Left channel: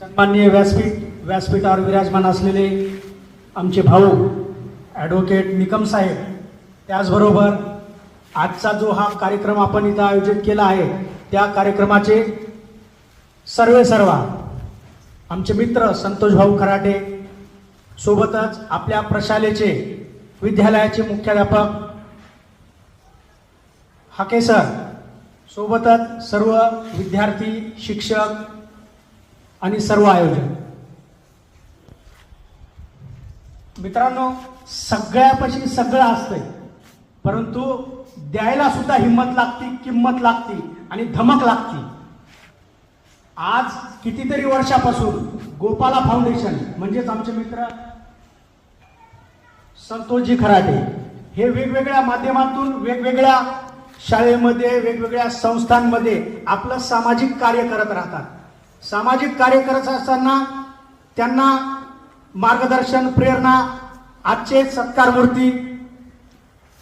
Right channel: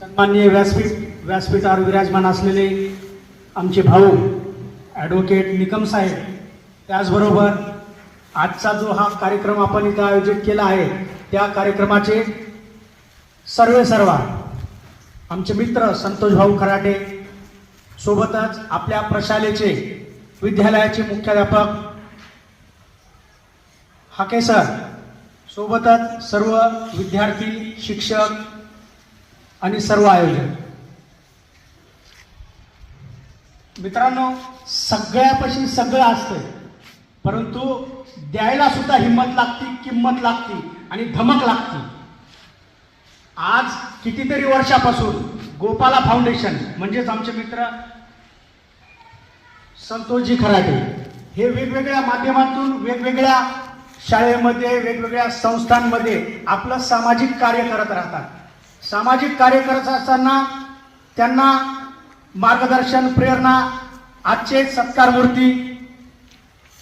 सन्माननीय व्यासपीठावर विराजमान असलेले आमचे भाऊ ॲडव्होकेट निकम साहेब, त्याचबरोबर आजचा जो हा कार्यक्रम आपण इथं आयोजित केला आहे त्या कार्यक्रमाचे सर्व आमचे मित्र संतोष भाऊ खराटे, सोबतच आपल्या प्रशालेचे विद्यालयाचे मुख्याध्यापक हाके सर, सोबतच सर्व विद्यार्थी, शिक्षक आणि सर्व आयोजक. मित्रांनो, सगळ्यापाशी सगळं असतंय, परंतु द्यायला सुद्धा हिंमत लागती, किंमत लागती आणि धमक लागती. आज कितीतरी वर्षापासून गोपाला फाउंडेशन म्हणजेच आमचे मित्र संतोषजी खराटे हे वेगवेगळ्या माध्यमातून वेगवेगळ्या शाळेमध्ये, वेगवेगळ्या संस्थांमध्ये आपलं सामाजिक कार्य करत राहतात. सामाजिक कार्य करत असताना त्यांना मार्गदर्शन, प्रेरणा आजचे सत्कारमूर्ती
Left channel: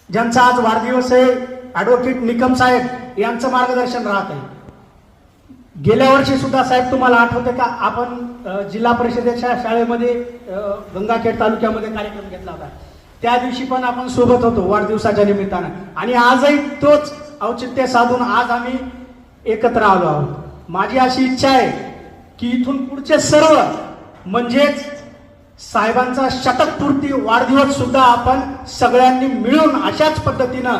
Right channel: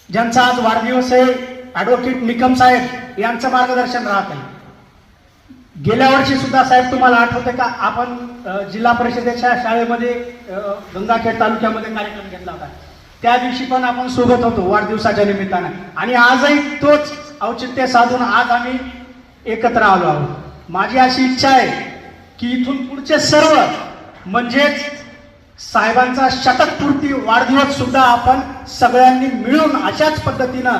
ज्यांचा आज वाढदिवस आहे, ॲडव्होकेट निकम साहेब यांचं मार्गदर्शन राहत आहे. गेल्या वर्षी सुद्धा साहेब तुम्हाला आठवते का, आपण जिल्हा परिषदेच्या शाळेमध्ये गंगाखेड तालुक्यामध्ये कार्यक्रम घेतला होता. त्या दिवशी पण आपण सोबत होतो वाढदिवसाच्या निमित्तानं, आणि आजही तोच औचित्य साधून आज आम्ही एकत्र आलो आहोत. माझी अशी इच्छा आहे की इथून पुढचे सर्व म्हणजेच साहेबांचा शतकपूर्ती वाढदिवस सुद्धा आपण सगळ्यांनी मिळून अशाच पद्धतीनं